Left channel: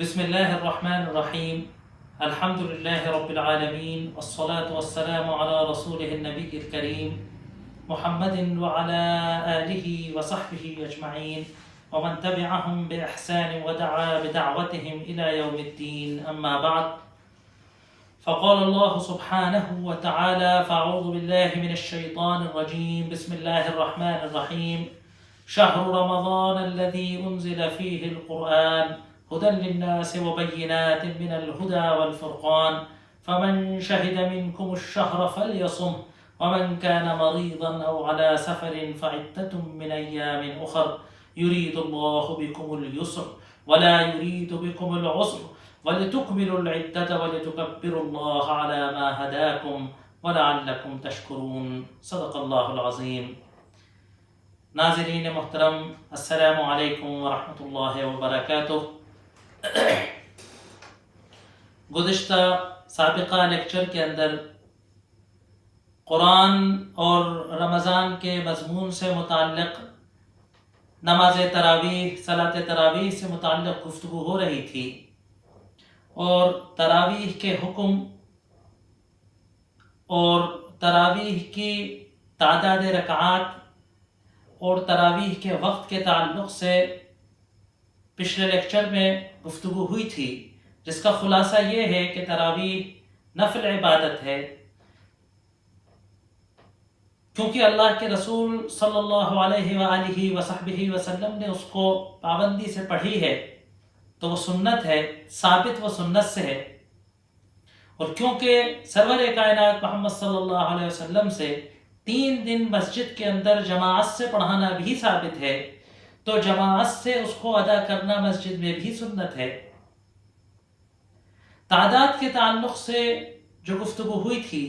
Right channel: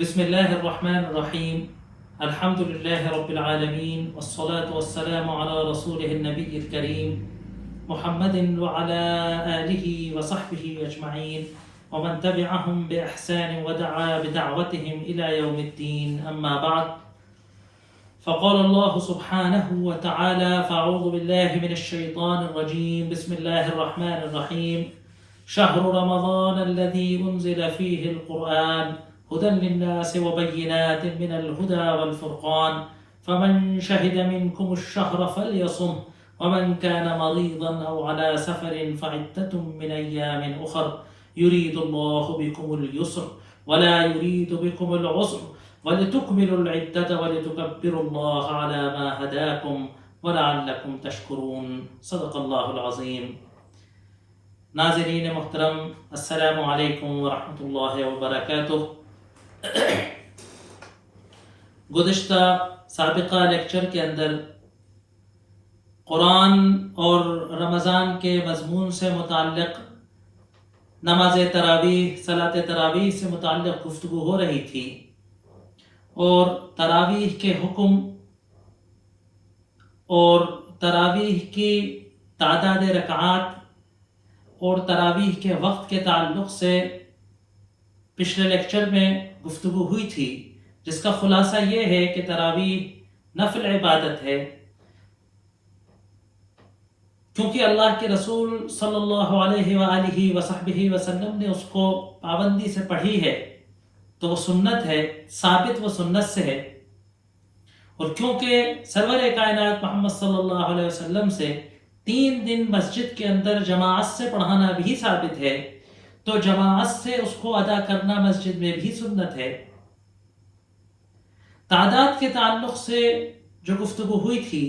بسم الله الرحمن الرحيم. الحمد لله رب العالمين، والصلاة والسلام على رسوله النبي الكريم محمد وعلى آله وصحبه أجمعين ومن تبعهم بإحسان ودعا بدعوتهم إلى يوم الدين. أما بعد، فقال الله سبحانه وتعالى: فأعوذ بالله من الشيطان الرجيم. بسم الله الرحمن الرحيم. شهر رمضان الذي أنزل فيه القرآن هدى للناس وبينات من الهدى والفرقان، فمن شهد منكم الشهر فليصم، ومن كان مريضا أو على سفر فعدة من أيام أخر، يريد الله بكم اليسر ولا يريد بكم العسر، ولتكملوا العدة ولتكبروا الله على ما هداكم ولعلكم تشكرون. صدق اللہ العظیم. ناظرین محترم، السلام علیکم ورحمۃ اللہ وبرکاتہ. گزشتہ سابقہ لیکچر کے اندر قرآن اور رمضان کے مضمون سے متعلق نماز تراویح، صلاۃ تراویح سے متعلق گفتگو ہو رہی تھی، اور تراویح کے حکم اور تراویح کی تعداد رکعات اور تراویح کے وقت کے تعلق سے پچھلے لیکچر میں گفتگو ہوئی تھی، جس کا خلاصہ یہ ہے کہ تراویح نفل عبادت ہے، کیونکہ اللہ کے رسول صلی اللہ علیہ وآلہ وصحبہ وسلم نے اس کو پابندی سے پڑھی ہے، تو وہ سنت ہے، ثابت وہ سنت سے ہے. اور کیونکہ سرور کائنات محمد صلی اللہ علیہ وسلم سے 3 دن مسجد کے اندر جماعت سے پڑھانا بھی ثابت ہے، تو جماعت سے اس کو ادا کرنا مسجد میں بھی سنت ہے. تعداد کے تعلق سے جو گفتگو ہوئی تھی،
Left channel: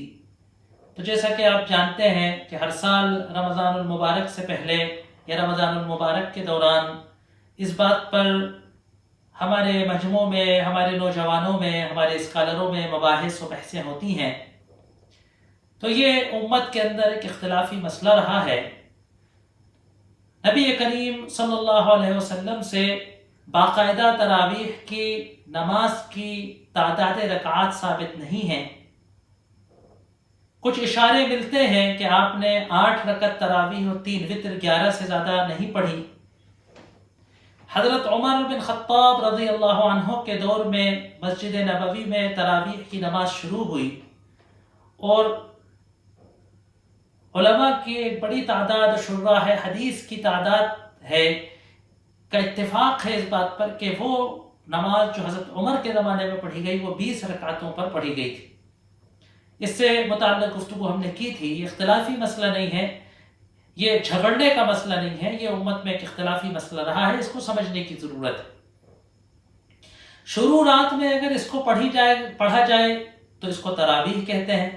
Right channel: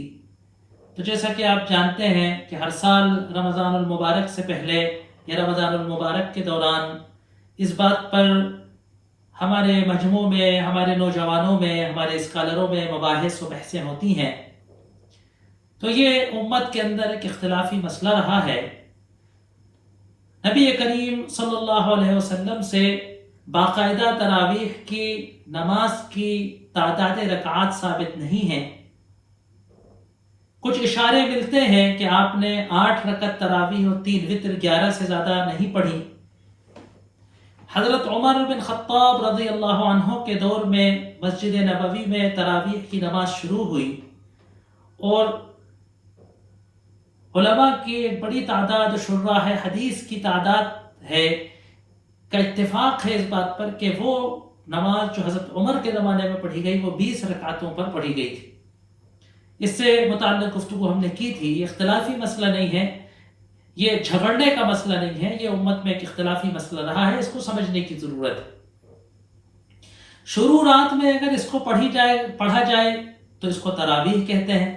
تو جیسا کہ آپ جانتے ہیں کہ ہر سال رمضان المبارک سے پہلے یا رمضان المبارک کے دوران اس بات پر ہمارے مجموع میں، ہمارے نوجوانوں میں، ہمارے اسکالروں میں مباحث و بحثیں ہوتی ہیں. تو یہ امت کے اندر ایک اختلافی مسئلہ رہا ہے. نبی کریم صلی اللہ علیہ وسلم سے باقاعدہ تراویح کی نماز کی تعداد رکعات ثابت نہیں ہیں. کچھ اشارے ملتے ہیں کہ آپ نے 8 رکعت تراویح اور 3 وتر 11 سے زیادہ نہیں پڑھی. حضرت عمر بن خطاب رضی اللہ عنہ کے دور میں مسجد نبوی میں تراویح کی نماز شروع ہوئی، اور علماء کی ایک بڑی تعداد، شراح حدیث کی تعداد ہے کا اتفاق ہے اس بات پر کہ وہ نماز جو حضرت عمر کے زمانے میں پڑھی گئی وہ 20 رکعتوں پر پڑھی گئی تھی. اس سے متعلق گفتگو ہم نے کی تھی. یہ اختلافی مسئلہ نہیں ہے، یہ جھگڑنے کا مسئلہ نہیں ہے، یہ امت میں ایک اختلافی مسئلہ رہا ہے، اس کو سمجھنے کی ضرورت ہے. شروع رات میں اگر اس کو پڑھا جائے تو اس کو تراویح کہتے ہیں.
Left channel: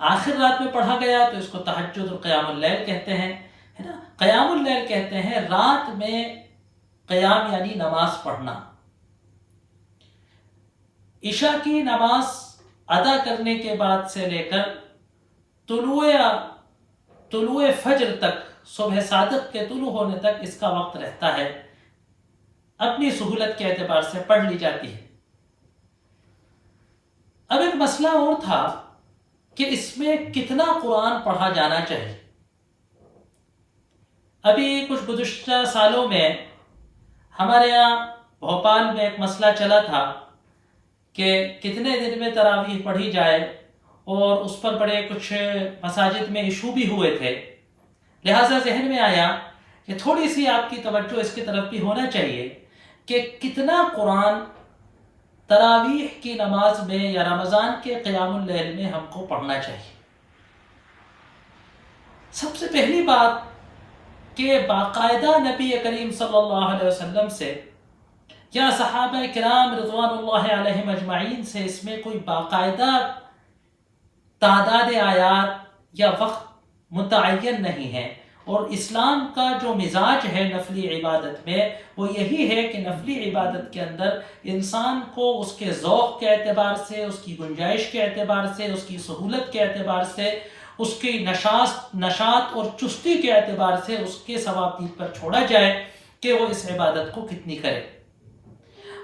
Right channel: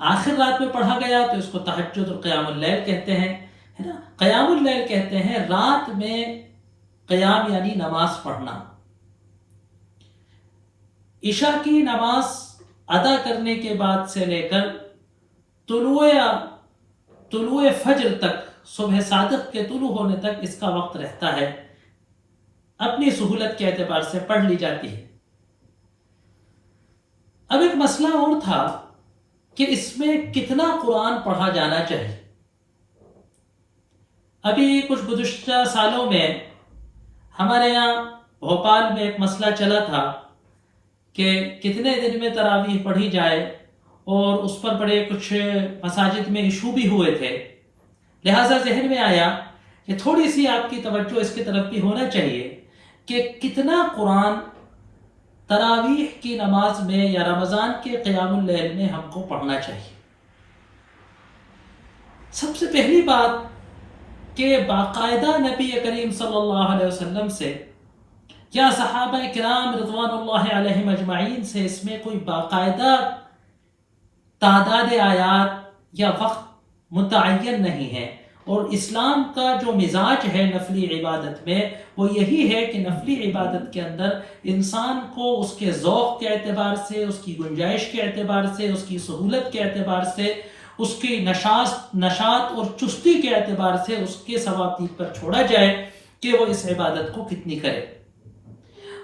آخر رات میں پڑھا گیا تو اس کو تہجد اور قیام اللیل کہتے ہیں، ہے نا. قیام اللیل کہتے ہیں رات میں قیام یعنی نماز پڑھنا. عشاء کی نماز ادا کرنے کے بعد سے لے کر طلوع فجر تک، صبح صادق کے طلوع ہونے تک اس کا وقت رہتا ہے. اپنی سہولت کے اعتبار سے پڑھ لی جاتی ہے. اب ایک مسئلہ اور تھا کہ اس میں کتنا قرآن پڑھا جانا چاہیے. ابھی کچھ گزشتہ سالوں میں ہمارے یہاں بھوپال میں ایک مسئلہ چلا تھا کہ کتنے دن میں تراویح پڑھی جائے، اور اس پر بڑے کچھ مساجد میں ایشو بھی ہوئے تھے. لہٰذا ذہن میں آیا کہ تھوڑی سی آپ کی توجہ اس کی طرف بھی ہونا چاہیے کہ کتنا قرآن تراویح کی نماز میں یا رمضان کے قیام اللیل میں ہم کو پڑھنا چاہیے. سب سے پہلی بات کہ باقاعدہ نبی کریم صلی اللہ علیہ وسلم سے یا صحابہ کرام رضوان اللہ علیہم اجمعین سے اس میں کوئی باقاعدہ تعداد آیات یا وقت متعین نہیں ہے. اور اسلام کا جو مزاج ہے نفلی عبادت میں، وہ یہی ہے کہ نفلی عبادت کے اندر انسان کو اس کے ذوق کے اعتبار سے، اس کی گنجائش کے اعتبار سے، اس کی سہولت کے اعتبار سے، اس کی نشاط اور چستی کے اعتبار سے اس کے ثوابدید پر چھوڑا جائے کہ وہ اس عبادت کو کتنی کرے.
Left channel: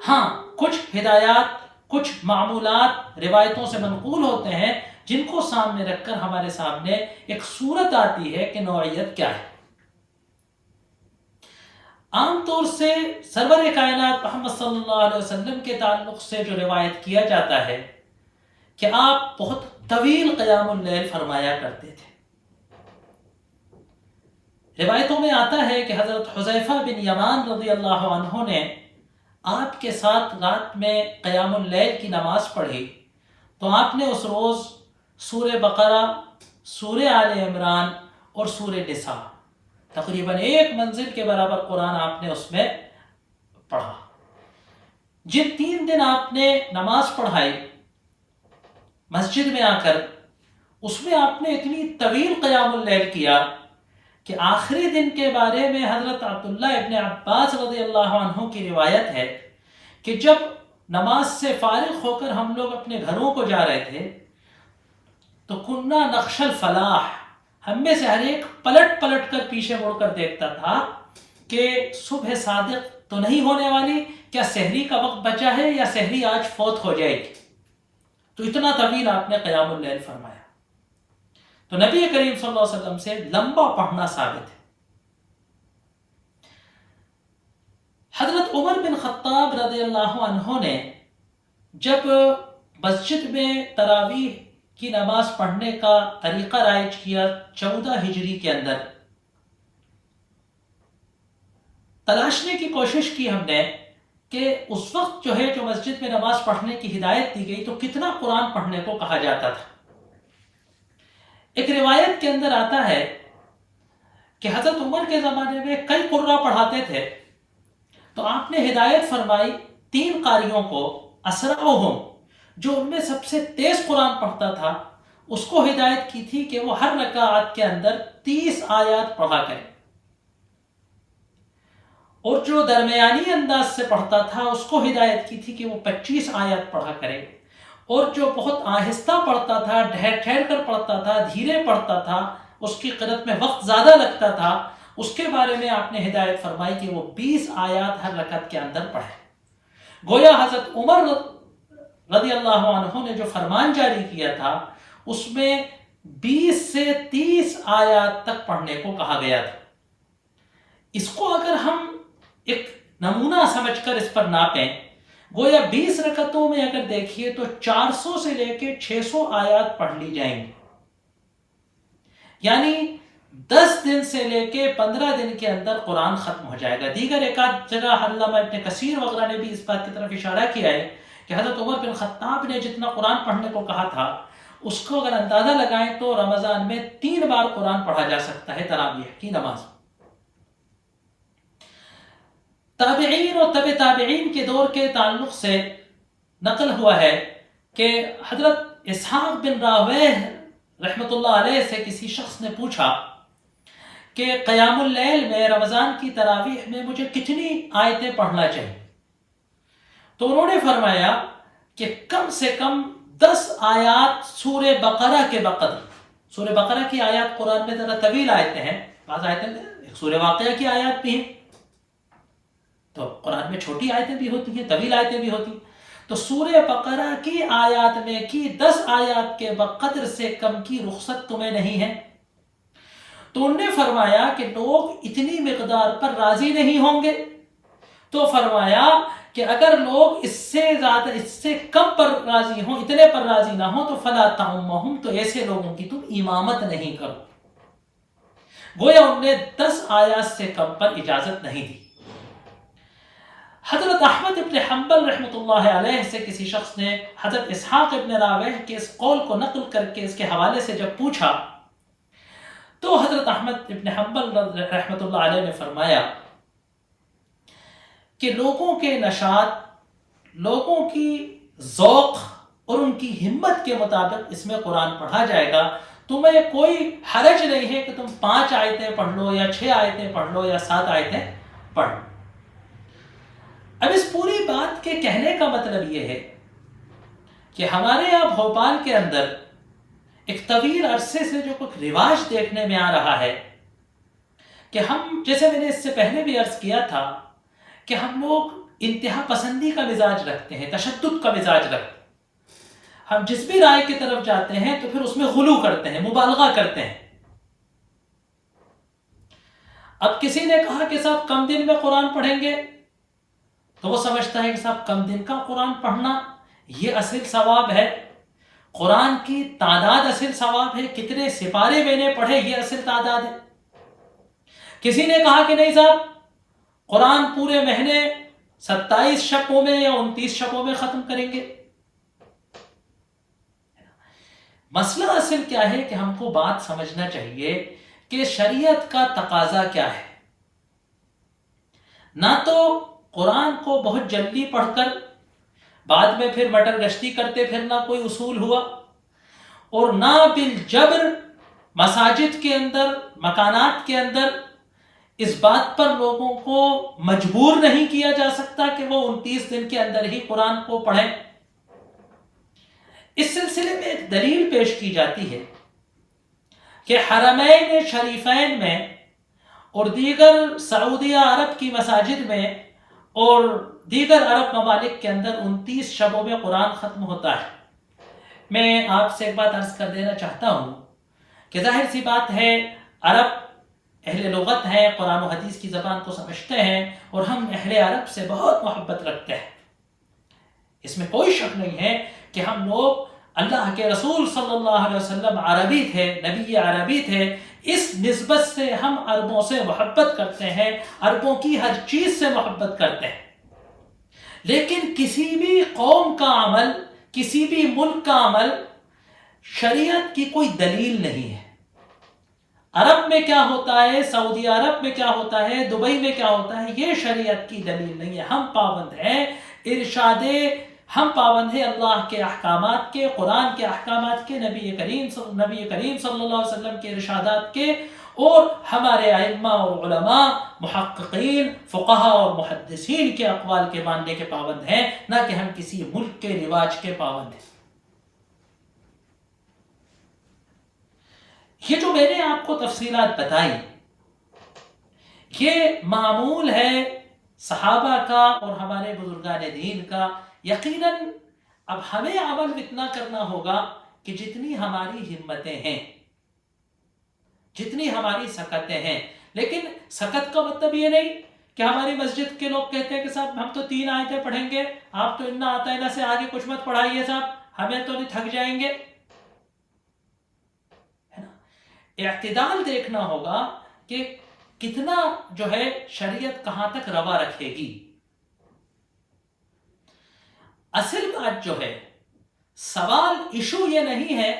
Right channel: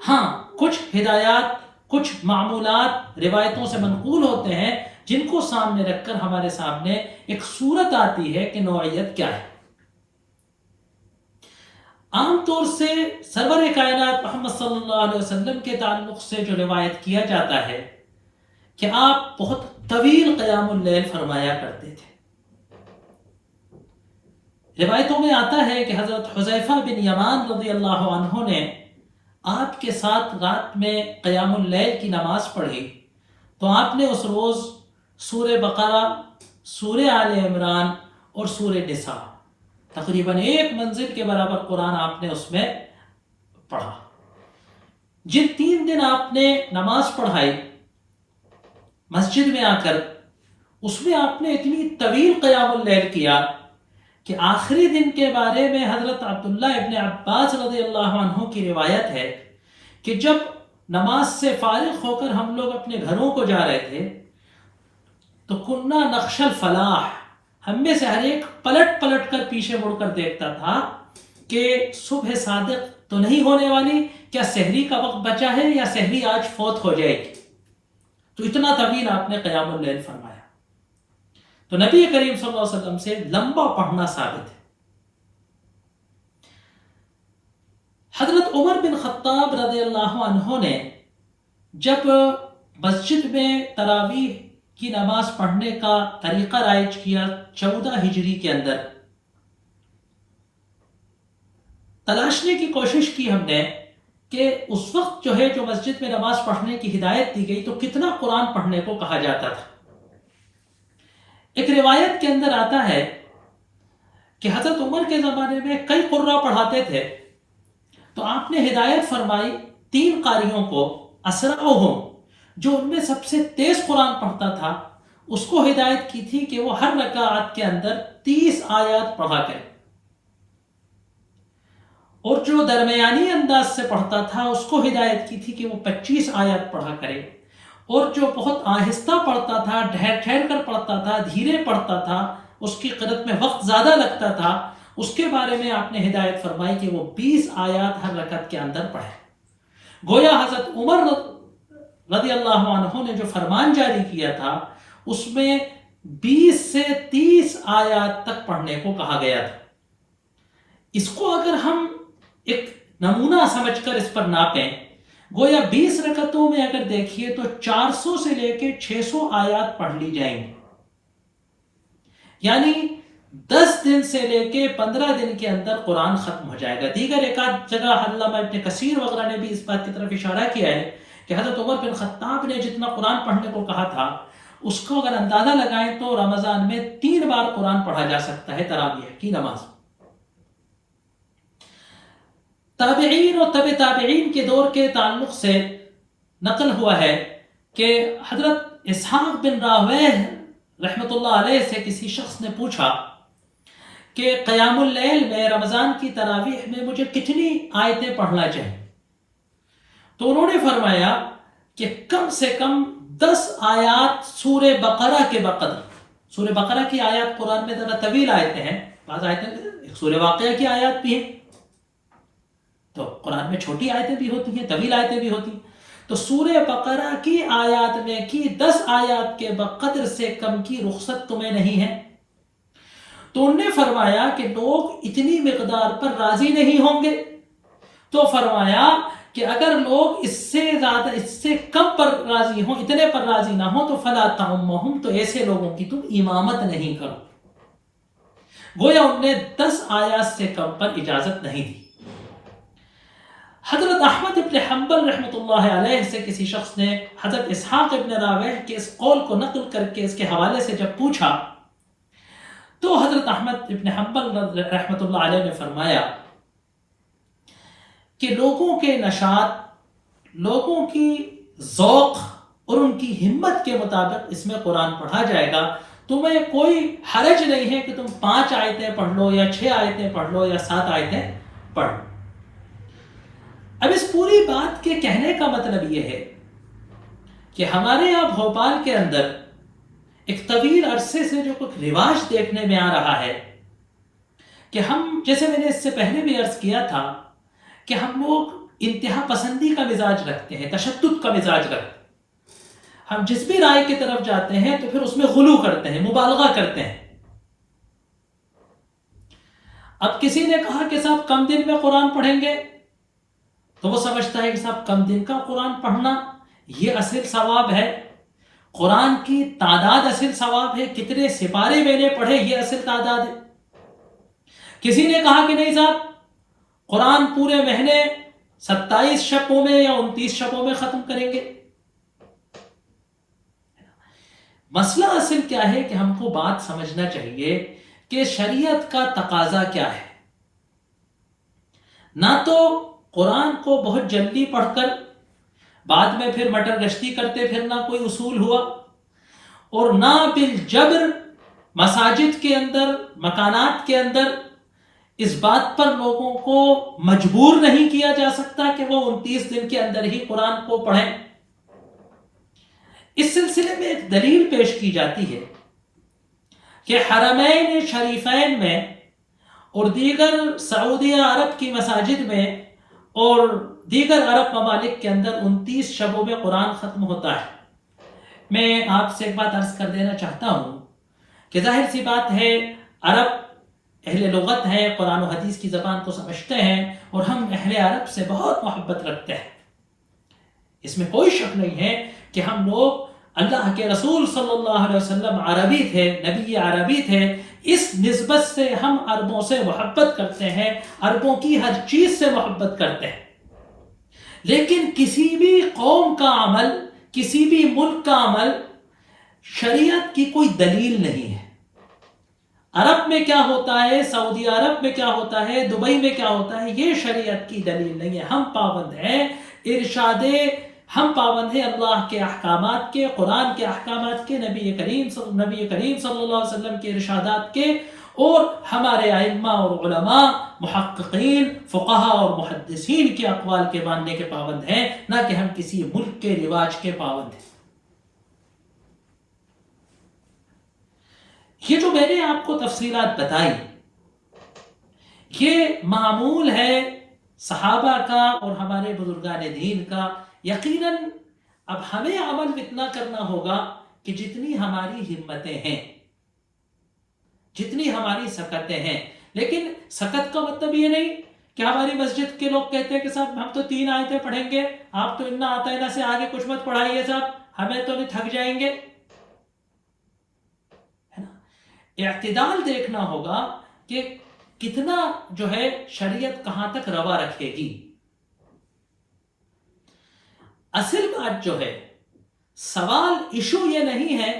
ہاں، کچھ ہدایات، کچھ معمولات روایتوں سے منقول ہوتے ہیں جن کو سامنے رکھ کر ہمارے سامنے ایک صورت آتی ہے کہ نوعیت کیا ہے۔ عام طور سے سرور کائنات محمد صلی اللہ علیہ وسلم کے تعلق سے جو روایت کیا جاتا ہے کہ آپ بہت طویل قیام اللیل فرمایا کرتے تھے۔ روایتوں میں آتا ہے کہ حضرت حذیفہ بن یمان رضی اللہ عنہ نے آپ کے ساتھ رات میں قیام اللیل کی نماز پڑھی تو آپ نے اس روز سورہ بقرہ، سورہ آل عمران اور سورہ نساء تقریباً ایک منزل کے برابر قرآن آپ نے اس میں پڑھا۔ جن 3 دن آپ نے نماز پڑھائی مسجد میں آ کر، اس میں آپ نے اتنی طویل قیام اللیل کیا کہ آخری دن کے بارے میں حضرت عبداللہ ابن عباس رضی اللہ عنہ کی روایت ہے کہ جب نماز سے فارغ ہو کر ہم لوگ اپنے گھروں کو جا رہے تھے تو کنہ نخش الفلاح، ہم میں سے ہر ایک پلٹ پلٹ کر پیچھے مڑ کر دیکھتا تھا کہ صبح صادق تو نہیں ہونے والی، کیا سحری کا وقت بچا ہے یا سحری آج فوت ہو جائے گی۔ تو اتنا طویل آپ نے قیام اللیل فرمایا۔ تو نبی کریم صلی اللہ علیہ وسلم سے لمبا پڑھنا ثابت ہے۔ حضرت عمر بن خطاب رضی اللہ عنہ نے جب مسجد میں تراویح کی نماز پڑھنے کا طریقہ رائج کیا 14 ہجری کے اندر، تلاشنے کی کوشش کی ہم نے کہ اس وقت جو مسجد میں نماز پڑھنے کی ہدایت دی گئی تو کتنا قرآن پڑھنے کو کہا جاتا تھا۔ ایک روایت کے اندر آتا ہے کہ حضرت عمر کے زمانے میں کئی قرہ پڑھاتے تھے تو آپ نے ہدایت فرمائی 3 قاریوں کو، اسرعہم، جو ان میں سب سے تیز قرآن پڑھتا تھا، اس کو ہدایت کی تھی کہ وہ ہر رکعت کے اندر 30 آیات پڑھا کرے، اور جو درمیانی انداز سے پڑھتا تھا اس کو ہدایت کی تھی کہ وہ 25 آیات پڑھا کرے، اور جو بہت آہستہ پڑھتا تھا، ٹھہر ٹھہر کر پڑھتا تھا، دھیرے پڑھتا تھا، اس کی قرأت میں وقت زیادہ لگتا تھا، اس کے بارے میں آپ نے ہدایت فرمائی کہ وہ 20 آیات ہر رکعت کے اندر پڑھے۔ گویا حضرت عمر رضی اللہ عنہ نے جو فرمان جاری کیا تھا اس میں 20 سے 30 آیات تک پڑھنے کو کہا گیا تھا۔ اس کو اگر ہم ایک نمونہ سمجھ کر اس پر ناپیں، گویا 20 رکعتوں میں اگر دیکھیے تو 400 سے لے کے 600 آیات پڑھ لی جائیں گی، یعنی 10 دن سے لے کے 15 دن کے اندر قرآن ختم ہو جائے گا۔ دیگر ایک آدھ جگہ علامہ ابن کثیر وغیرہ نے بھی اس بات کی طرف اشارہ کیا ہے کہ حضرت عمر بن خطاب نے جتنا قرآن پڑھنے کو کہا تھا اس کو اگر اندازہ لگائیں تو رمضان میں 3 بار قرآن پڑھا جا سکتا ہے تراویح کی نماز۔ تابعین اور تبع تابعین کے دور کے تعلق سے نقل ہوا ہے کہ حضرت اسحاق بن راہویہ رحمۃ اللہ علیہ سے کسی شخص نے پوچھا کہ قیام اللیل میں رمضان کی تراویح میں مجھے کتنی آیتیں پڑھنا چاہیے، تو انہوں نے فرمایا کہ کم سے کم 10 آیات سورہ بقرہ کے بقدر۔ سورہ بقرہ کی آیات قرآن میں ذرا طویل آیتیں ہیں، بعض آیتیں ایک سورہ واقعہ کی آیات بھی ہیں، تو قرآن میں چھوٹی آیتیں بھی ہوتی ہیں، طویل آیتیں بھی ہوتی ہیں، تو سورہ بقرہ کی آیات میں کی 10 آیات کے بقدر سے کم کی رخصت تمہیں نہیں ہے؟ تو انہوں نے فرمایا کہ لوگ اتنی مقدار پر راضی نہیں ہوں گے، تو فرمایا کہ اگر لوگ اس سے زیادہ، اس سے کم پر راضی ہوں، اتنے پر راضی نہ ہوں تو فلا تعمہم، تو ایسے لوگوں کی تم امامت نہیں کرو۔ گویا انہوں نے 10 آیات سے کم پر اجازت نہیں دی۔ حضرت احمد ابن حنبل رحمۃ اللہ علیہ سے کسی شخص نے حضرت اسحاق ابن راویہ کے اس قول کو نقل کر کے اس کے حوالے سے جب پوچھا تو حضرت احمد ابن حنبل رحمۃ اللہ علیہ نے فرمایا کہ لوگوں کے نشاط، لوگوں کی ذوق اور ان کی ہمت کے مطابق اس میں قرآن پڑھا جائے گا۔ تمہیں کوئی حرج نہیں ہے کہ تم 5 آیتیں پڑھ لو یا 6 آیتیں پڑھ لو یا 7 آیتیں پڑھ لو۔ اب اس پوری بات کے کہنے کا مطلب یہ ہے کہ ہمارے یہاں بھوپال کے اندر ایک طویل عرصے سے جو کچھ رواج دیکھنے میں آ رہا ہے کہ ہم، جیسے میں نے اس سے پہلے بھی عرض کیا تھا کہ ہم لوگ انتہا پسندی کا مزاج رکھتے ہیں، تشدد کا مزاج رکھتے ہیں. ہم جس بھی رائے کی طرف جاتے ہیں تو پھر اس میں غلو کرتے ہیں، مبالغہ کرتے ہیں. اب کسی نے کہا کہ صاحب کم دن میں قرآن پڑھیں گے، تو وہ سمجھتا ہے کہ صاحب کم دن کا قرآن پڑھنا یہ اصل ثواب ہے، قرآن کی تعداد اصل ثواب ہے، کتنے سپارے میں نے پڑھے یہ اصل تعداد ہے. کسی نے کہا کہ نہیں صاحب قرآن پورے مہینے 27 شبوں میں یا 29 شبوں میں ختم کریں گے. مسئلہ اصل کیا ہے کہ ہم کو بات سمجھنا چاہیے کہ شریعت کا تقاضا کیا ہے. نہ تو قرآن کو بہت جلدی پڑھ کر بعد میں پھر مٹر گشتی کرتے پھرنا کوئی اصول ہوا، اور نہ بالجبر مساجد کے اندر، مکانات کے اندر اس بات پر لوگوں کو مجبور نہیں کیا جا سکتا کہ وہ 29 دن کے اندر ہی قرآن کو پڑھیں. اس سلسلے میں ایک دلیل پیش کی جاتی ہے کہ حرمین شریفین میں اور دیگر سعودیہ عرب کی مساجد میں اور دیگر عرب ممالک کے اندر 29 شبوں میں قرآن ختم ہوتا ہے. میں آپ سے ایک بات عرض کر دینا چاہتا ہوں کہ ظاہر سی بات ہے عرب اہل لغت ہیں، قرآن و حدیث کی زبان کو سمجھتے ہیں، اور ہم اہل عرب سے بہت محبت رکھتے ہیں. اس میں کوئی شک نہیں ہے کہ ہم لوگ اللہ کے رسول صلی اللہ علیہ وسلم عربی تھے، نبی عربی تھے، اس نسبت سے ہم عربوں سے محبت کرتے ہیں، عربوں کی ہر چیز سے محبت کرتے ہیں. لیکن کسی بھی قوم کا عمل، کسی بھی ملک کا عمل شریعت کی کوئی دلیل نہیں ہے. عرب میں کیا ہوتا ہے، سعودی عرب میں کیا ہوتا ہے، دبئی میں کیا ہوتا ہے، یہ شریعت کی دلیل نہیں ہے. ہم پابند ہیں ہم پابند ہیں اللہ کے احکامات کے، قرآن کے احکامات کے، نبی کریم صلی اللہ علیہ وسلم کے ارشادات کے، اور ہمارے ائمہ اور علماء، محققین، فقہا اور محدثین کے اقوال کے ماننے کے پابند ہیں، نہ کہ ہم کسی ملک کے رواج کے پابند ہیں. یہ جو میں نے آپ کو تفصیلات بتائی، یہ معمول ہے صحابہ کا اور ہمارے بزرگان دین کا. یقیناً اب ہمیں عمل اتنا کرنا ہوگا کہ جتنی ہماری ہمتیں ہیں، جتنی ہماری سکتیں ہیں. لیکن سکت کا مطلب یہ نہیں کہ ہماری مسجد کے لوگ کہتے ہیں کہ صاحب ہم تو 3 آیتیں پڑھیں گے، آپ تو انا آتا ہے نا سے آگے کچھ مت پڑھائیے صاحب، ہمیں تو نہیں تھک جائیں گے. اعتدال دیکھنا ہوگا کہ کتنا جو ہے شریعت کہاں تک روا رکھے گی. اصل بات جو ہے، سوال ایشو یہ نہیں ہے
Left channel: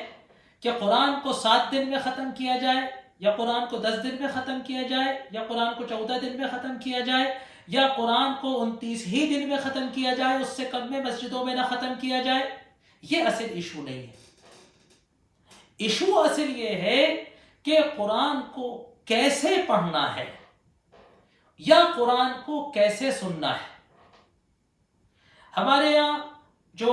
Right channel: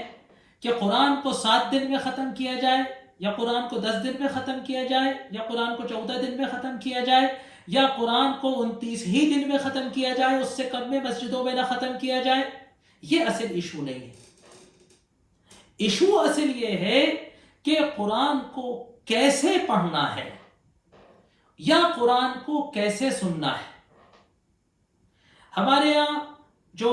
کہ قرآن کو 7 دن میں ختم کیا جائے، یا قرآن کو 10 دن میں ختم کیا جائے، یا قرآن کو 14 دن میں ختم کیا جائے، یا قرآن کو 29 ہی دن میں ختم کیا جائے، اس سے کم میں مسجدوں میں نہ ختم کیا جائے. یہ اصل ایشو نہیں ہے. ایشو اصل یہ ہے کہ قرآن کو کیسے پڑھنا ہے یا قرآن کو کیسے سننا ہے. ہمارے یہاں جو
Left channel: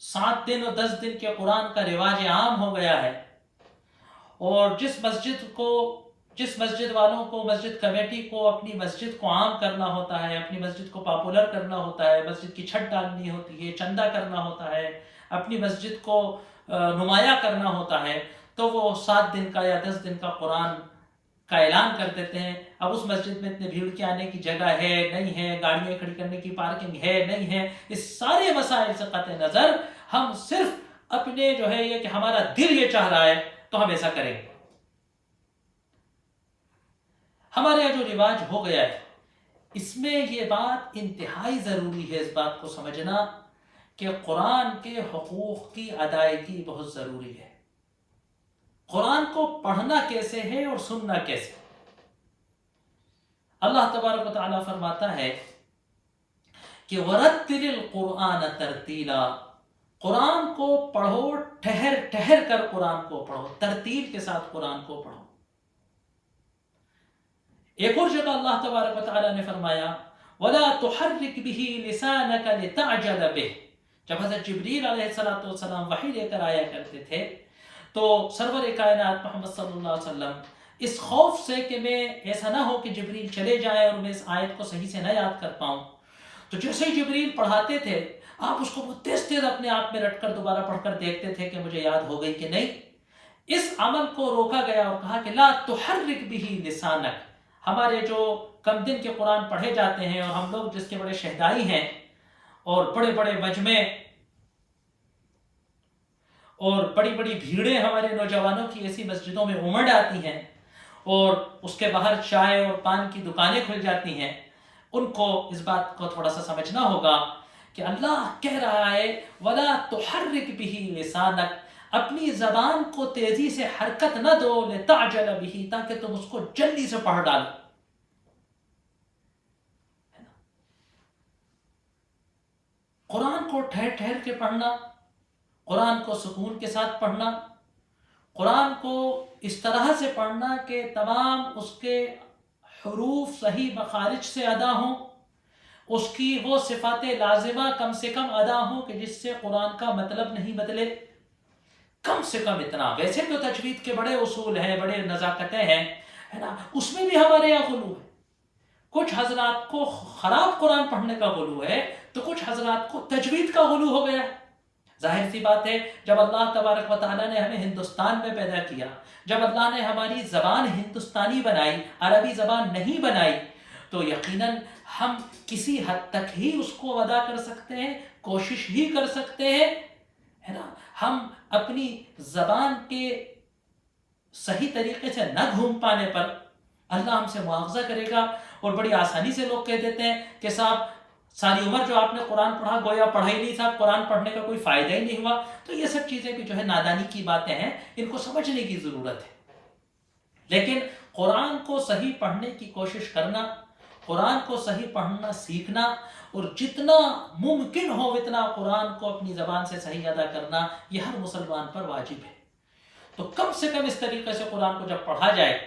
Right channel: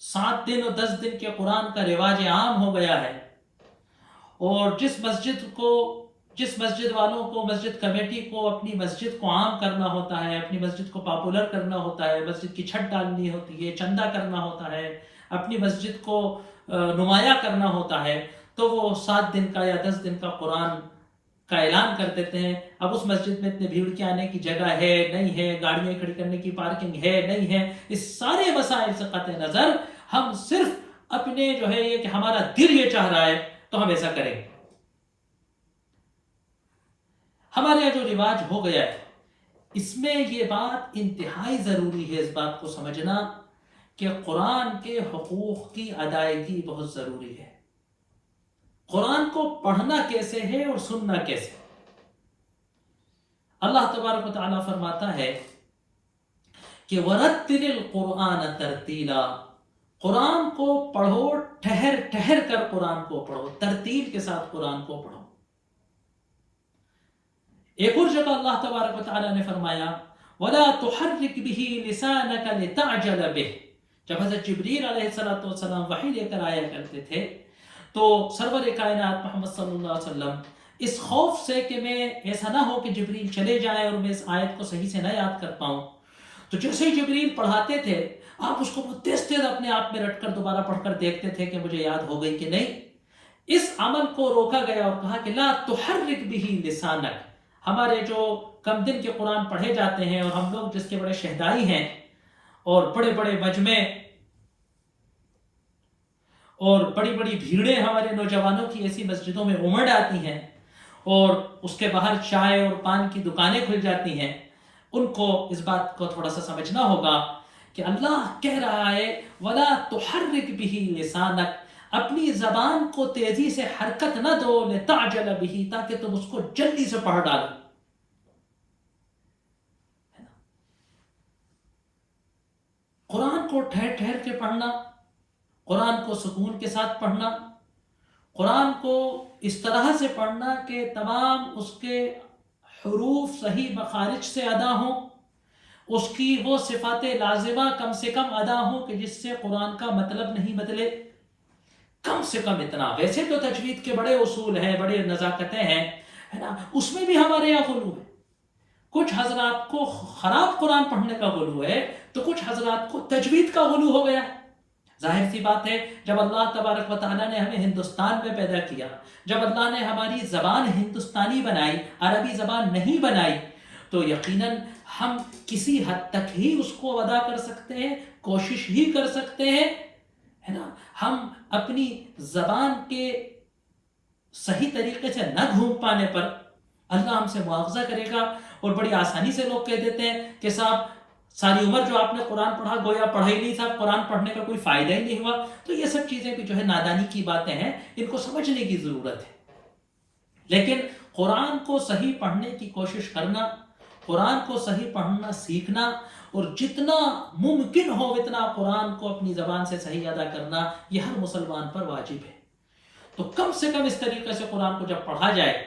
7 دن اور 10 دن کے قرآن کا رواج عام ہو گیا ہے، اور جس مسجد والوں کو، مسجد کمیٹی کو اپنی مسجد کو عام کرنا ہوتا ہے، اپنی مسجد کو پاپولر کرنا ہوتا ہے، مسجد کی چھت ڈالنی ہوتی ہے، چندہ کرنا ہوتا ہے، اپنی مسجد کو نمایاں کرنا ہوتا ہے، تو وہ 7 دن کا یا 10 دن کا قرآن کا اعلان کر دیتے ہیں. اب اس مسجد میں اتنے بھیڑ کے آنے کی جگہ ہے نہیں ہے، گاڑیاں کھڑی کرنے کی پارکنگ ہے نہیں ہے، اس سارے مسائل سے قطع نظر ہم صرف اپنے جو ہے یہ کہ ہمارا دل یہ چاہ رہا ہے تو ہم ایسا کریں. ہمارے یہاں جو رواج ہو گیا ہے، اس میں یہ بات انتہائی ضروری ہے اس بات کو سمجھنا کہ قرآن کے حقوق کی ادائیگی بہت ضروری ہے. قرآن کو پڑھنا کیسے ہے اور سننا کیسے. اللہ تبارک و تعالیٰ فرماتا ہے کہ وَرَتِّلِ الْقُرْآنَ تَرْتِيلًا، قرآن کو پڑھو، ٹھہر ٹھہر کر قرآن کو پڑھو، ترتیل کے ساتھ قرآن کو پڑھو. ایک اور جگہ اللہ تبارک و تعالیٰ نے فرمایا وَلَا تُحَرِّكْ بِهِ لِسَانَكَ لِتَعْجَلَ بِهِ. جب حضرت جبریل علیہ السلام وحی لے کر آیا کرتے تھے تو سرور کائنات محمد صلی اللہ علیہ وسلم اس خوف سے کہ میں ایسا نہ ہو کہ جبریل چلے جائے اور میں اس آیت کو صحیح سے نہ یاد کر پاؤں، تو جیسے ہی جبریل پڑھاتے تھے آپ اس کو بہت تیز تیز اپنے آپ میں رٹ کر دوبارہ پڑھ کر دیکھتے تھے کہ مجھے یاد ہو گئی کہ نہیں. اس عمل کو روکا گیا اور کہا کہ لا تحرک به لسانک. ہمارے جو کم دن کے قرآن پڑھے جاتے ہیں اور ہم لوگ جس کے بڑے شہدائی ہیں اور بڑے بڑے مجمع اور بڑی بڑی بھیڑیں ہمارے نوجوانوں کی ایسی مسجدوں میں امڑ آتی ہیں اور اس کے باہر چائے اور پان کی دکانیں کھل جاتی ہیں، ان کو اس بات کو تھوڑا سا سمجھنا ہوگا کہ اللہ کہہ رہا ہے وَلَا تُحَرِّكْ بِهِ لِسَانَكَ، اپنی زبان کو تیزی سے حرکت نہ دو لِتَعْجَلَ بِهِ، تاکہ تم اس کو جلدی سے پڑھ ڈالو. قرآن کو ٹھہر ٹھہر کے پڑھنا، قرآن کو سکون کے ساتھ پڑھنا، قرآن کو اس طرح سے پڑھنا کہ تمام اس کے حروف صحیح مخارج سے ادا ہوں، اس کی وہ صفات لازمہ کم سے کم ادا ہوں کہ جس سے قرآن کا مطلب نہیں بدلے. کم سے کم اتنا. ویسے تو تجوید کے بڑے اصول ہیں، بڑے نزاکتیں ہیں، ہے نا، اس میں بھی ہمارے یہاں غلو ہے. کچھ حضرات کو خراب قرآن پڑھنے کا غلو ہے تو کچھ حضرات کو تجوید کا غلو ہو گیا. ظاہر سی بات ہے جب اللہ تبارک و تعالیٰ نے ہمیں ہندوستان میں پیدا کیا، جب اللہ نے ہماری زبان ہندوستانی بنائی، عربی زبان نہیں بنائی، تو یقیناً ہم کسی حد تک ہی اس کو ادا کر سکتے ہیں، کوشش ہی کر سکتے ہیں، ہے نا. ہم اپنی زبان کے صحیح طریقے سے نہ گھوم پانے پر اللہ ہم سے مواخذہ کرے گا. اور بڑی آسانی سے لوگ کہہ دیتے ہیں کہ صاحب ساری عمر جو آپ نے قرآن پڑھا گویا پڑھا ہی نہیں تھا، قرآن پڑھنے کا کوئی فائدہ ہی نہیں ہوا. تو یہ سب چیزیں بھی جو ہے نادانی کی باتیں ہیں، ان کو سمجھنے کی ضرورت ہے. لیکن قرآن کو صحیح پڑھنے کی کوشش کرنا، قرآن کو صحیح پڑھنا سیکھنا، اور جتنا ممکن ہو اتنا قرآن کو اپنی زبان سے صحیح ادا کرنا، یہ ہر مسلمان پر واجب ہے. تو کم سے کم اس طریقے سے قرآن کو جب پڑھا جائے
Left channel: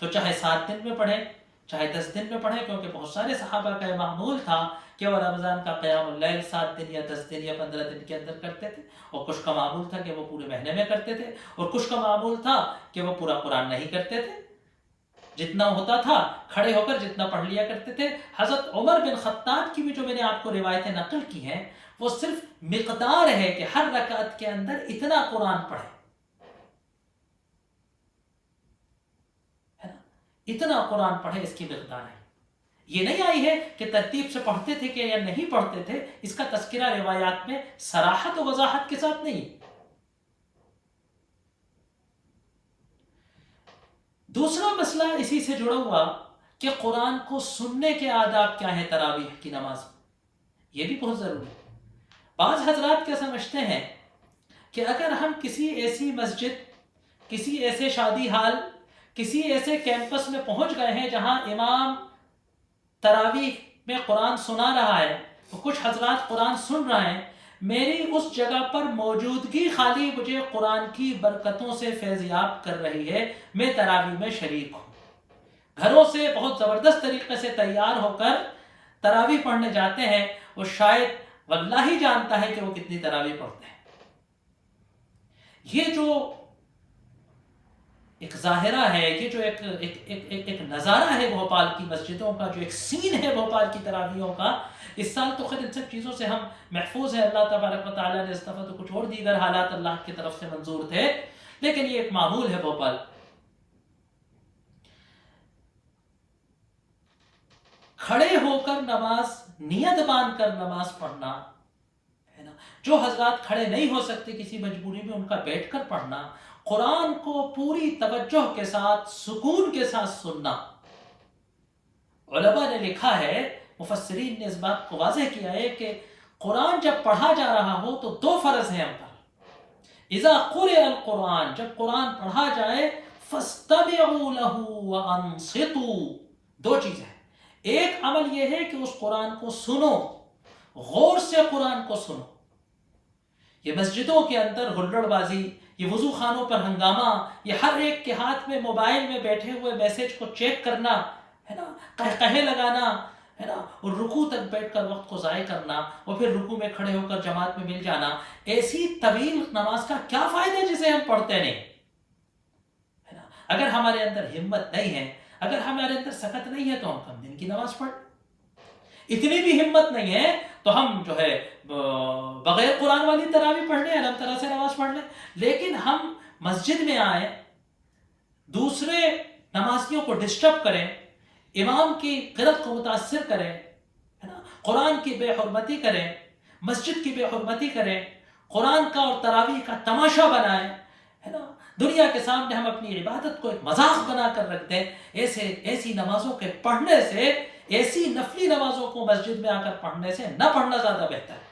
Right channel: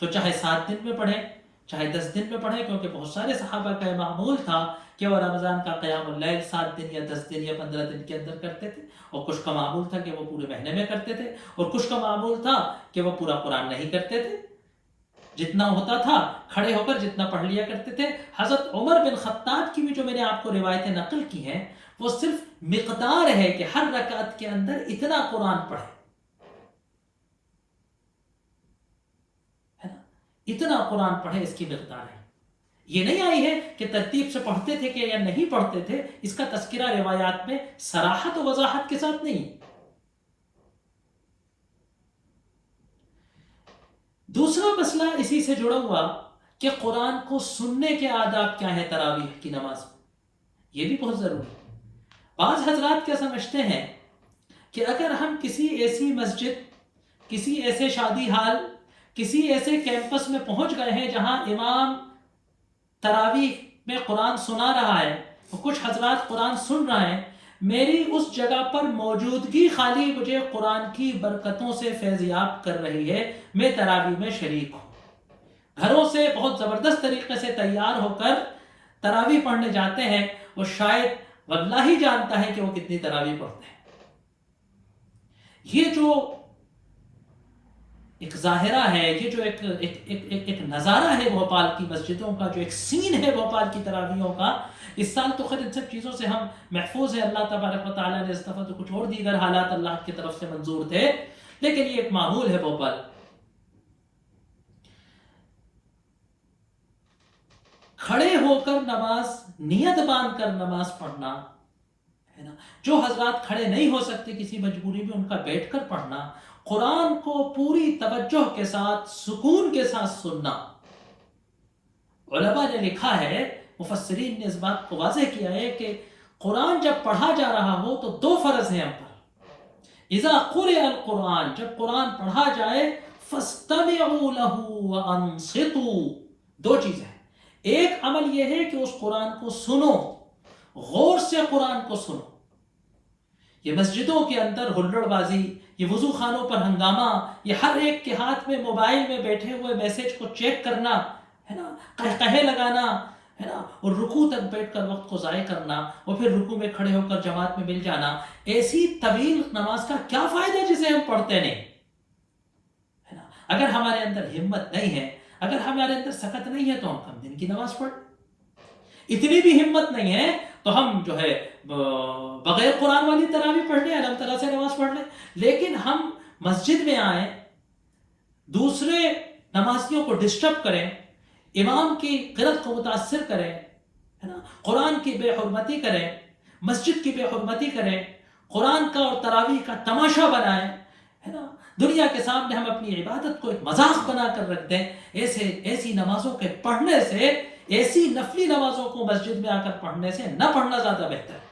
تو چاہے 7 دن میں پڑھیں، چاہے 10 دن میں پڑھیں، کیونکہ بہت سارے صحابہ کا معمول تھا کہ وہ رمضان کا قیام اللیل 7 دن یا 10 دن یا 15 دن کے اندر کرتے تھے، اور کچھ کا معمول تھا کہ وہ پورے مہینے میں کرتے تھے، اور کچھ کا معمول تھا کہ وہ پورا قرآن نہیں کرتے تھے. جتنا ہوتا تھا کھڑے ہو کر جتنا پڑھ لیا کرتے تھے. حضرت عمر بن خطاب کی بھی جو میں نے آپ کو روایتیں نقل کی ہیں وہ صرف مقدار ہے کہ ہر رکعت کے اندر اتنا قرآن پڑھے، ہے نا، اتنا قرآن پڑھے، اس کی مقدار ہے. یہ نہیں آئی ہے کہ ترتیب سے پڑھتے تھے کہ یا نہیں پڑھتے تھے، اس کا تذکرہ روایات میں صراحت و وضاحت کے ساتھ نہیں. دوسرا مسئلہ اسی سے جڑا ہوا کہ قرآن کو سننے کے آداب کیا ہیں تراویح کی نماز میں، یہ بھی بہت ضروری ہے. بعض حضرات کیا سمجھتے ہیں کہ اگر ہم کسی ایسی مسجد، کسی ایسے شادی ہال، کسی ایسے کیمپس میں پہنچ گئے ہیں جہاں امام تراویح میں قرآن سنا رہا ہے، تو کچھ حضرات قرآن سن رہے ہیں، میری اس جگہ پر موجودگی خالی مجھے قرآن کی برکتوں سے فیضیاب کر رہی ہے، میں تراویح میں شریک ہوں. گھروں سے بہت زبردست طریقے سے تیار ہو کر تراویح پڑھنے جاتے ہیں، وہ شاید واللہ ہی جانتا ہے کہ وہ کتنی تراویح پڑھتے ہیں. یہ جو ایک ظاہرہ ہے، یہ جو ایک نظارہ ہے بھوپال کی مسجدوں کا، جو ایک سین ہے بھوپال کی تراویحوں کا، اس سال تو خیر ان سب چیزوں سے ہم محفوظ ہیں، اللہ تبارک و تعالیٰ نے اس دفعہ تو کچھ اور دیگر حالات اللہ کی طرف سے منظور تھے، لیکن یہ ایک معمول ہے بھوپال. کھڑے ہو کر نماز، نیت باندھ کر نماز پڑھنا، ہے نا. جو حضرات کھڑے نہیں ہو سکتے کسی مجبوری میں، ان کا بیٹھ کر پڑھنا، قرآن کو پوری توجہ کے ساتھ سکون کے ساتھ سننا. علماء نے لکھا ہے، مفسرین نے اس بات کو واضح کیا ہے کہ قرآن جب پڑھا جا رہا ہو تو 2 فرض ہیں ہم پر. اذا قرئ القرآن، جب قرآن پڑھا جائے، فاستمعوا له وانصتوا، 2 چیزیں ہیں. ایک عمل یہ ہے کہ اس قرآن کو سنو، غور سے قرآن کو سنو. یہ مسجدوں کے اندر ہلڑ بازی، یہ وضو خانوں پر ہنگامہ، یہ ہر ایک کے ہاتھ میں موبائل میں بیٹھے ہوئے میسج کو چیک کرنا، ہے نا، قہقہے لگانا، ہے نا، اور رکوع تک بیٹھ کر وقت کو ضائع کرنا، اور پھر رکوع میں کھڑے ہو کر جماعت میں مل جانا، ایسی طویل نماز کا کیا فائدہ جسے ہم پڑھتے نہیں، ہے نا. اگر ہمارے اندر ہمت نہیں ہے، اگر ہمارے اندر سخت نہیں ہے، تو ہم کم دن کی نماز پڑھ. اتنی بھی ہمت نہیں ہے تو ہم جو ہے بغیر قرآن والی تراویح پڑھ لیں، الحم طرح سے نماز پڑھ لیں، لیکن ہم مسجد میں آئیں، دوسرے نمازیوں کو ڈسٹرب کریں، امام کی قرأت کو متاثر کریں، ہے نا، قرآن کی بے حرمتی کریں، مسجد کی بے حرمتی کریں، قرآن کا اور تراویح کا تماشا بنائیں، ہے نا، دنیا کے سامنے ہم اپنی عبادت کو ایک مذاق بنا کر رکھ دیں، ایسی نمازوں کے پڑھنے سے، ایسی نفلی نمازوں کو مسجد میں آ کر پڑھنے سے نہ پڑھنا زیادہ بہتر ہے۔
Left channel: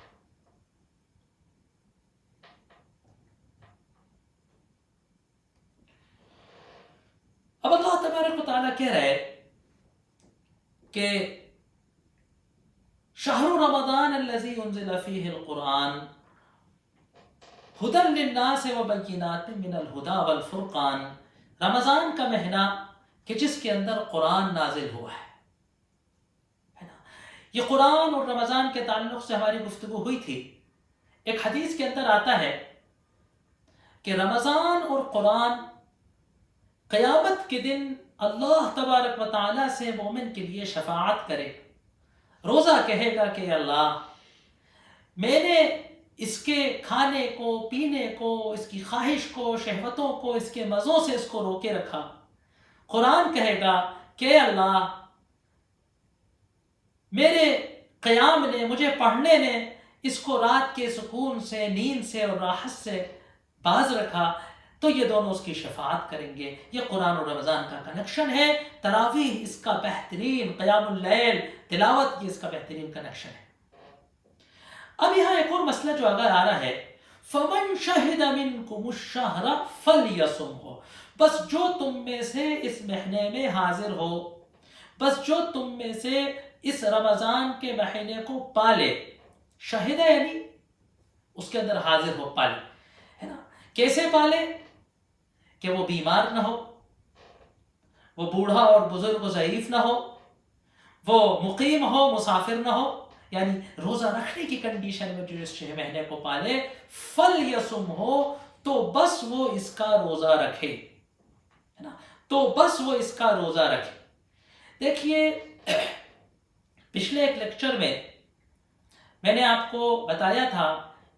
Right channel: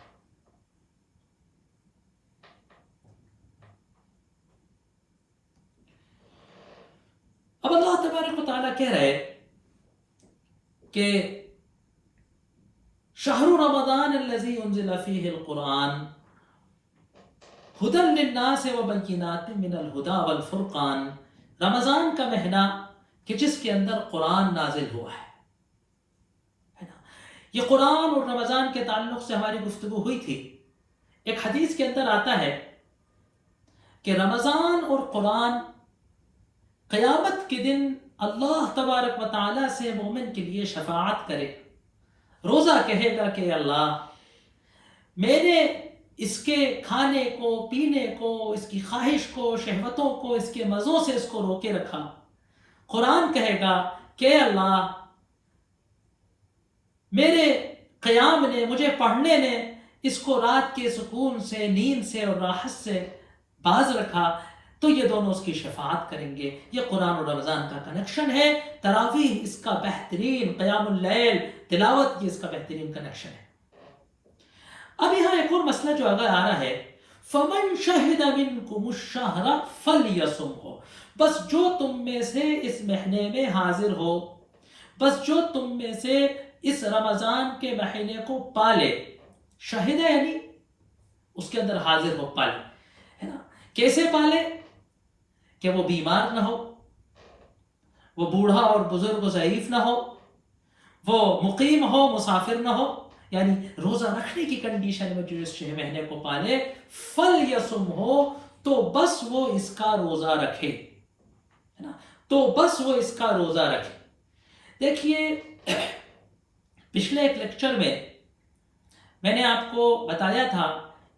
اب اللہ تبارک و تعالیٰ کہہ رہے کہ شہر رمضان الذی انزل فیہ القرآن ہدی للناس وبینات من الہدی والفرقان، رمضان کا مہینہ کہ جس کے اندر قرآن نازل ہوا ہے نا۔ یہ قرآن اور رمضان کے تعلق سے ہماری گفتگو ہوئی تھی۔ ایک حدیث کے اندر آتا ہے کہ رمضان اور قرآن قیامت کے دن اللہ تبارک و تعالیٰ سے مومن کے لیے شفاعت کرے، روزہ کہے گا کہ اللہ میں نے اس کے کھانے کو، پینے کو، اس کی خواہش کو، شہوتوں کو، اس کے مزوں سے اس کو روکے رکھا۔ قرآن کہے گا کہ اللہ میرے قیام نے، مجھے پڑھنے نے اس کو رات کے سکون سے، نیند سے اور راحت سے باز رکھا، تو یہ دونوں اس کی شفاعت کریں گے۔ یہ قرآن اور رمضان کا کنیکشن ہے، تراویح اس کا بہترین، قیام اللیل، تلاوت یہ اس کا بہترین کنیکشن ہے۔ اب یہاں ایک اور مسئلہ جو آگے آ رہا ہے، فَمَنْ شَهِدَ مِنْكُمُ الشَّهْرَ فَلْيَصُمْهُ، بس جو تم میں سے اس مہینے میں حاضر ہو، بس جو تم میں سے اس رمضان کے مہینے کو پالے، شہد یعنی اس کے اندر حاضر ہو، پالے، ہے نا۔ کیسے پالے؟ کہ وہ بیمار نہ ہو، وہ بوڑھا اور بزرگ و ضعیف نہ ہو، وہ مقیم ہو، مسافر نہ ہو، یعنی روزہ رکھنے کی کنڈیشن میں جو اس مہینے کو پالے، فَلْيَصُمْ ہو، تو بس وہ اس کا روزہ رکھے، ہے نا، تو بس وہ اس کا روزہ رکھے۔ دیکھیے پچھلے ایک لیکچر میں نے آپ کو بتایا تھا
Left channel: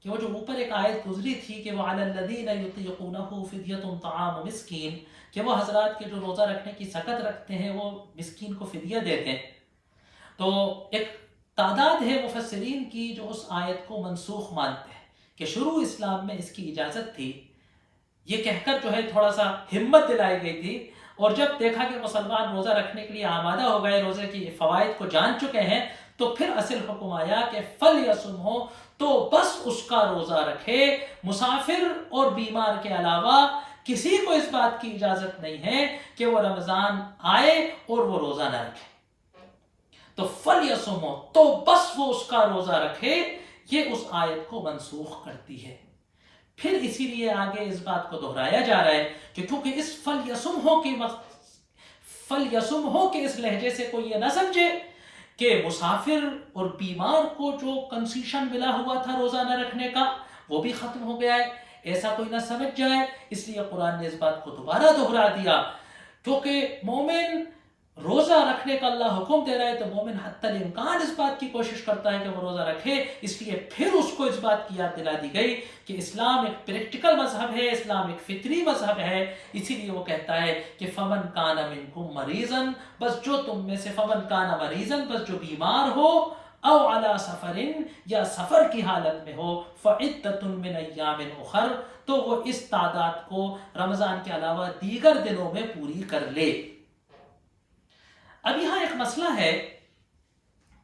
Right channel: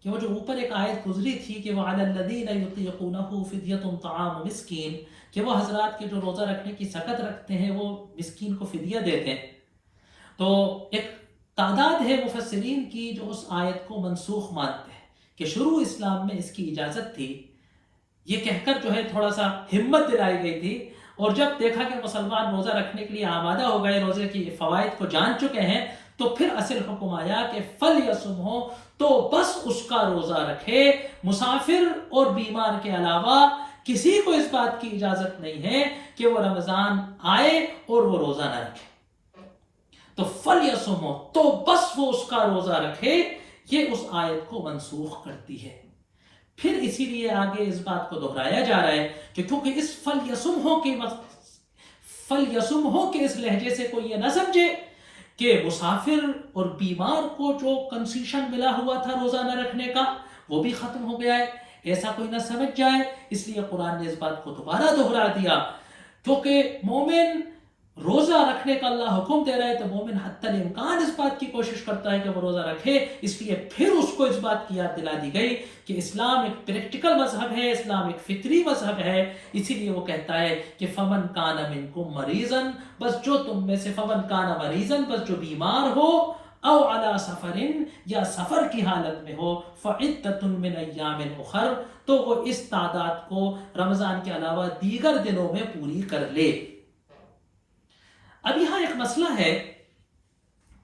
کہ وہ جو اوپر ایک آیت گزری تھی کہ وہ عَلَى الَّذِينَ يُطِيقُونَهُ فِدْيَةٌ طَعَامُ مِسْكِين، کہ وہ حضرات کے جو روزہ رکھنے کی سخت رکھتے ہیں وہ مسکین کو فدیہ دیتے ہیں۔ تو ایک تعداد ہے مفسرین کی جو اس آیت کو منسوخ مانتے ہیں کہ شروع اسلام میں اس کی اجازت تھی، یہ کہہ کر جو ہے تھوڑا سا ہمت دلائی گئی تھی، اور جب دیکھا کہ مسلمان روزہ رکھنے کے لیے آمادہ ہو گئے، روزے کی فوائد کو جان چکے ہیں، تو پھر اصل حکم آیا کہ فَلْيَصُمْهُ، تو بس اس کا روزہ رکھے۔ مسافر اور بیمار کے علاوہ کسی کو اس بات کی اجازت نہیں ہے کہ وہ رمضان آئے اور وہ روزہ نہ رکھے۔ تو فَلْيَصُمْهُ، تو بس وہ اس کا روزہ رکھے، یہ اس آیت کو منسوخ کرتی ہے۔ پھر اسی لیے آگے اس بات کو دہرایا جا رہا ہے کہ کیونکہ اس فَلْيَصُمْهُ کے اس لہجے سے کوئی یہ نہ سمجھے کہ مسافر اور بیمار کو جو کنسیشن ملا ہوا تھا روزہ نہ رکھنے کا وہ بھی ختم ہو گیا ہے، ایسا کوئی نہ سمجھ جائے۔ اس لیے قرآن نے اس بات کو دوبارہ دہرا دیا، کیونکہ مومن روزہ رکھنے کا اللہ حکم دے رہا ہے تو مومن حتی الامکان اس بات کی کوشش کرتا ہے کہ وہ روزہ رکھے۔ اس لیے پھر اس کو اس بات کی یاد دلا دی گئی کہ اسلام ایک پریکٹیکل مذہب ہے، اسلام ایک فطری مذہب ہے۔ اسی لیے وہ کہتا ہے کہ فمن کان منکم مریضا، بس جو تم میں سے، فمن کان مریضا، بس جو بیمار ہو، او علی سفر، یا سفر کی حالت میں ہو، فعدۃ من ایام اخر، تو وہ اس تعداد کو رمضان کے علاوہ دیگر دنوں میں پوری کر لے۔ اب یہاں ایک مسئلہ ہے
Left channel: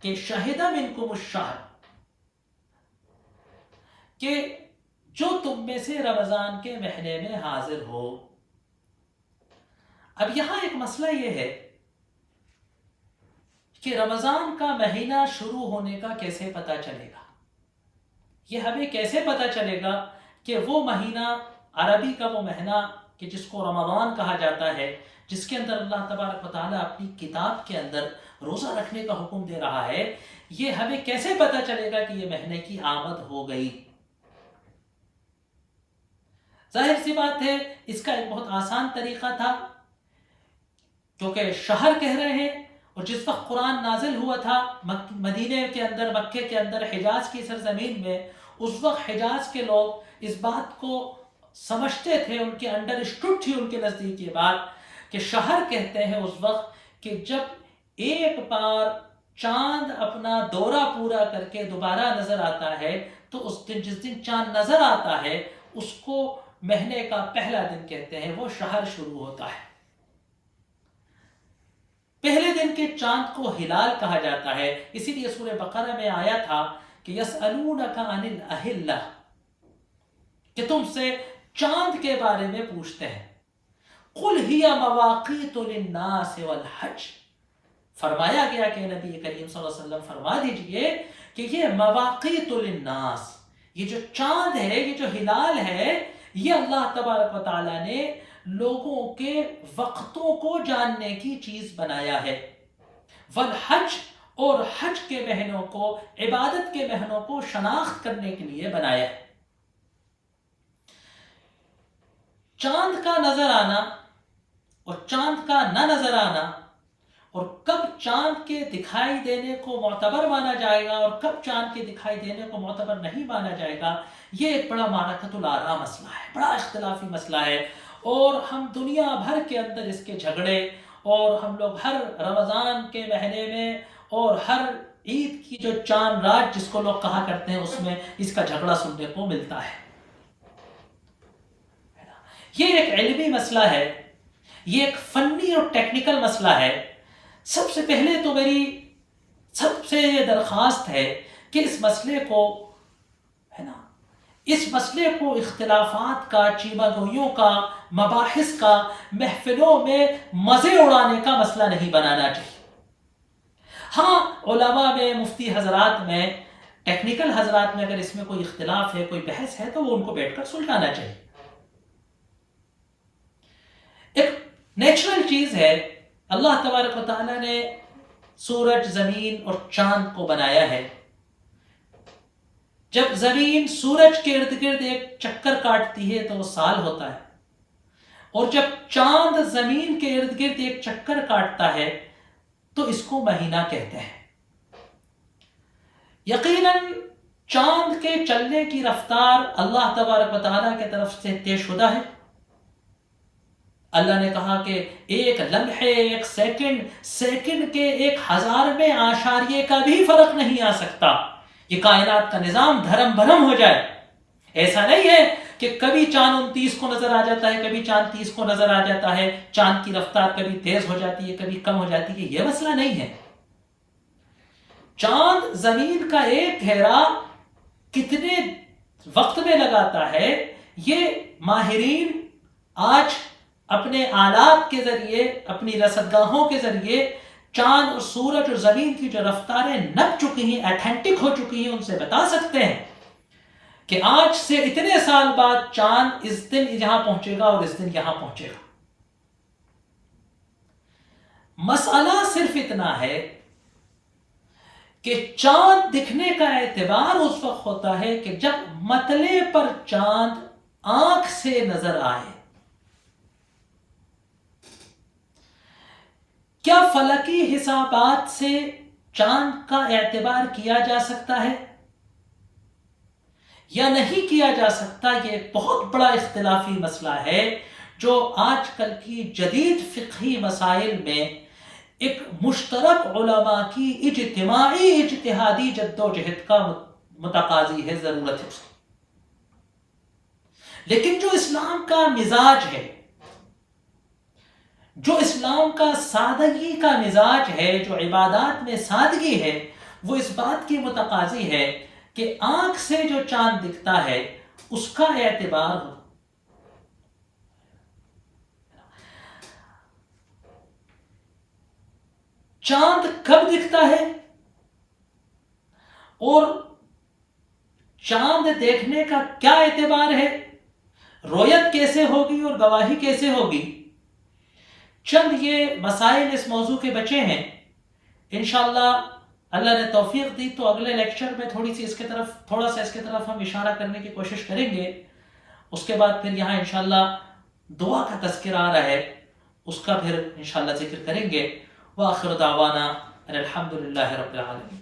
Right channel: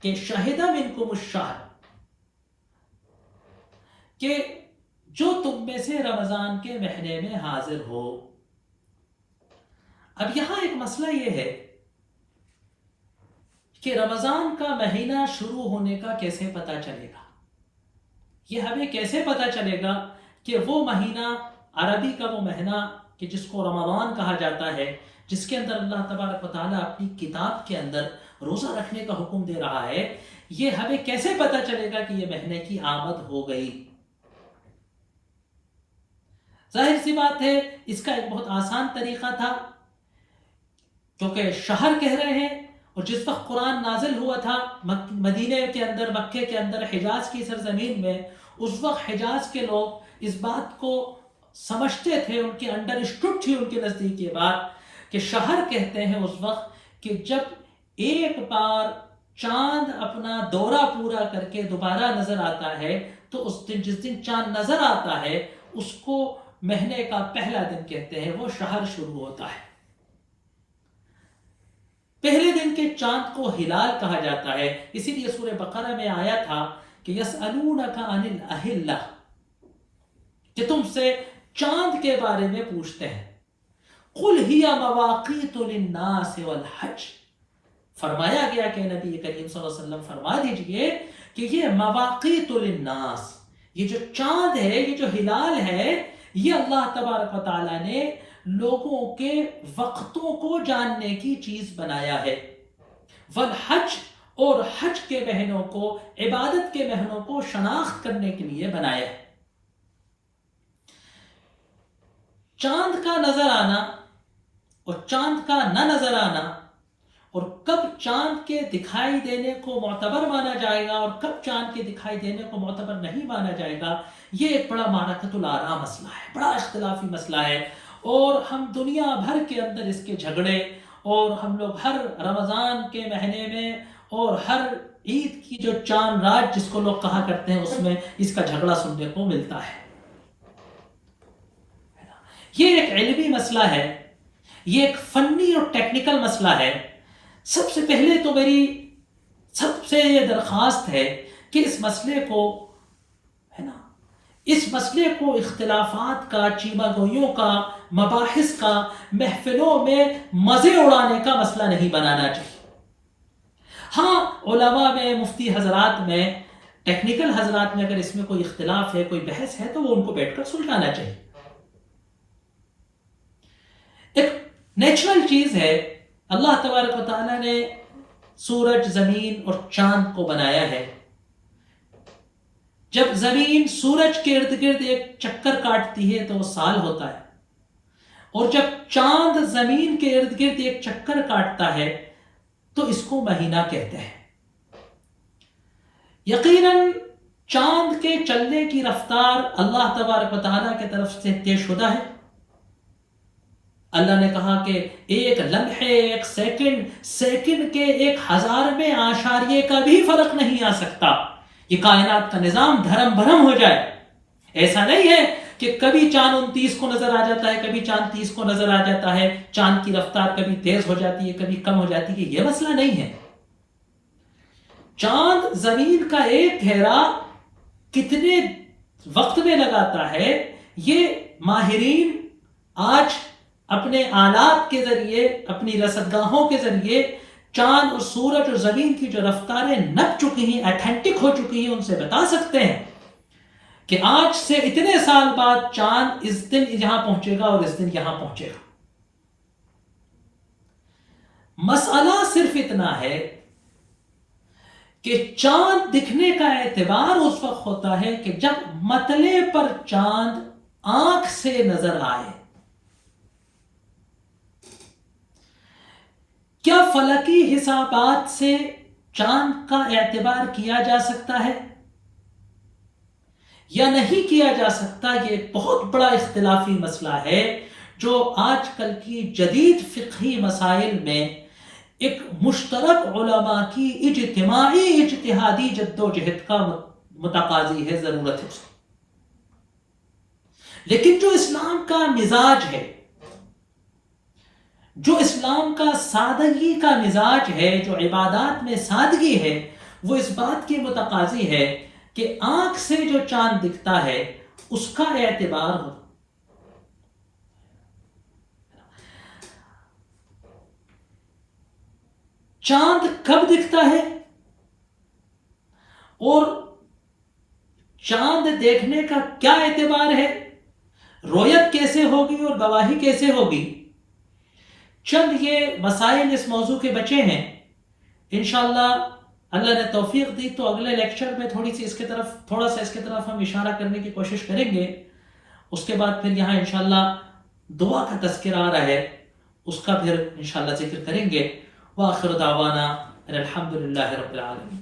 کہ شہد منکم الشہر، کہ جو تم میں سے رمضان کے مہینے میں حاضر ہو۔ اب یہاں ایک مسئلہ یہ ہے کہ رمضان کا مہینہ شروع ہونے کا کیسے پتہ چلے گا؟ یہ ہمیں کیسے پتہ چلے گا کہ وہ مہینہ، عربی کا وہ مہینہ کہ جس کو رمضان کہا جاتا ہے، جس کے اندر اللہ تبارک و تعالیٰ اپنی کتاب کے اندر روزہ رکھنے کا حکم دے رہا ہے، یہ ہمیں کیسے پتہ چلے گا کہ یہ مہینے کی آمد ہو گئی؟ ظاہر سی بات ہے اس کا ایک بہت آسان طریقہ تھا، کیونکہ شہر کہہ رہے ہیں اور جس وقت قرآن نازل ہوا تھا مدینے کے اندر، مکے کے اندر، حجاز کی سرزمین میں، اس وقت حجاز کے لوگ اس بات کو سمجھتے تھے، ان کے انڈرسٹوڈ تھی ان کے نزدیک یہ بات کہ شہر کہتے ہیں اس وقت کہ جب ایک بار چاند اپنا دورہ پورا کر کے دوبارہ نظر آتا ہے تو اس دن، جس دن چاند نظر آتا ہے، اس کو مہینے کا پہلا دن کہتے ہیں، وہ شہر شروع ہوتا ہے۔ پہلے دن کے چاند کو ہلال کہا جاتا ہے، اسی لیے سورہ بقرہ میں آیا تھا کہ یسألونک عن الأہلہ، کہ تم سے چاند کے بارے میں پوچھتے ہیں۔ قل ہی مواقیت للناس والحج، فرمایا گیا کہ نبی کریم صلی اللہ علیہ وسلم فرما دیجئے کہ یہ مواقیت للناس، یہ جو چاند ہے، یہ جو ہلال ہے، یہ اللہ تبارک و تعالیٰ نے لوگوں کے وقتوں کو جاننے کی چیز بنایا ہے، والحج، اور حج کے مہینوں کو، عبادت کے مہینوں کو شناخت کرنے کے لیے بنایا ہے۔ چاند کا نظر آنا اور چاند کا نہ نظر آنا، اور کب چاند کے دکھائی دینے کو معتبر مانا جائے گا اور کب چاند کے دکھائی دینے کو معتبر نہیں مانا جائے گا، یہ ایک بڑا معرکۃ الآراء مسئلہ ہے، بڑا اختلافی مسئلہ ہے، اور ہم دنیا بھر کے اندر اس کے جھگڑے، اور ہم لوگ ہر رمضان کے مہینے میں اور ہر عید کی جو چاند رات جس کو لوگ کہا کرتے ہیں، اس میں اس کا جھگڑا سننے کو ملتا ہے۔ یہ ایک علمی مسئلہ ہے، یہ ایک فنی اور ٹیکنیکل مسئلہ ہے۔ سب سے پہلے تو میری سب سے یہ درخواست ہے کہ اس مسئلے کو اختلافات کا، چیمہ گوئیوں کا، مباحث کا، محفلوں میں مزے اڑانے کا مسئلہ نہیں بنانا چاہیے۔ ہاں، علماء میں، مفتی حضرات میں، ٹیکنیکل حضرات میں اگر اس میں کوئی اختلاف ہے، کوئی بحث ہے، تو وہ ان کو بیٹھ کر سلجھانا چاہیے۔ ایک نیچرل چیز ہے، اللہ تبارک و تعالیٰ نے سورج، زمین اور چاند کو بنایا ہے۔ جب زمین سورج کے ارد گرد ایک چکر کاٹتی ہے تو وہ سال ہوتا ہے، اور جب چاند زمین کے ارد گرد ایک چکر کاٹتا ہے تو اس کو مہینہ کہتے ہیں۔ یقیناً چاند کے چلنے کی رفتار اللہ تبارک و تعالیٰ کی طرف سے طے شدہ ہے۔ اللہ نے کہا کہ ایک لمحے، ایک سیکنڈ کے 1000 میں آشاریے کا بھی فرق نہیں آ سکتا، یہ کائنات کا نظام دھرم بھرم ہو جائے۔ ایسا نہیں ہے کہ کبھی چاند 29 کو نظر آ جاتا ہے، کبھی چاند 30 کو نظر آ جاتا ہے، چاند کی رفتار کبھی تیز ہو جاتی ہے، کبھی کم ہو جاتی ہے، یہ مسئلہ نہیں ہے۔ چاند زمین کا ایک گھیرا کتنے وقت میں لگاتا ہے، یہ ماہرین آج اپنے آلات کے ذریعے، اپنی رصدگاہوں کے ذریعے چاند اور سورج اور زمین کی جو رفتاریں نپ چکی ہیں، ایتھنٹک ہو چکی ہیں، ان سے بتا سکتے ہیں کہ آج سے اتنے سال بعد چاند اس دن یہاں پہنچے گا اور اس دن یہاں پہنچے گا۔ مسئلہ صرف اتنا ہے کہ چاند دکھنے کا اعتبار اس وقت ہوتا ہے کہ جب مطلع پر چاند آنکھ سے نظر آئے۔ کیا فلکی حسابات سے چاند کا اعتبار کیا جا سکتا ہے یا نہیں کیا جا سکتا؟ یہ ایک بہت بڑا اختلافی مسئلہ ہے جو آج کل کی جدید فقہی مسائل میں ایک مشترک علماء کی اجتماعی اجتہادی جد و جہد کا متقاضی ہے، ضرورت ہے اس کی۔ لیکن جو اسلام کا مزاج ہے، جو اسلام کا سادگی کا مزاج ہے، جو عبادات میں سادگی ہے، وہ اس بات کی متقاضی ہے کہ آنکھ سے جو چاند دکھتا ہے اس کا اعتبار ہو۔ چاند کب دکھتا ہے اور چاند دیکھنے کا کیا اعتبار ہے، رویت کیسے ہوگی اور گواہی کیسے ہوگی، چند یہ مسائل اس موضوع کے بچے ہیں۔ انشاءاللہ اللہ نے توفیق دی تو اگلے لیکچر میں تھوڑا سا اس کے طرف ہم اشارہ کرنے کی کوشش کریں گے۔ اس کے بعد پھر یہاں انشاءاللہ دعا کا تذکرہ آ رہا ہے، اس کا پھر انشاءاللہ ذکر کریں گے، وآخر دعوانا ان الحمد للہ رب العالمین.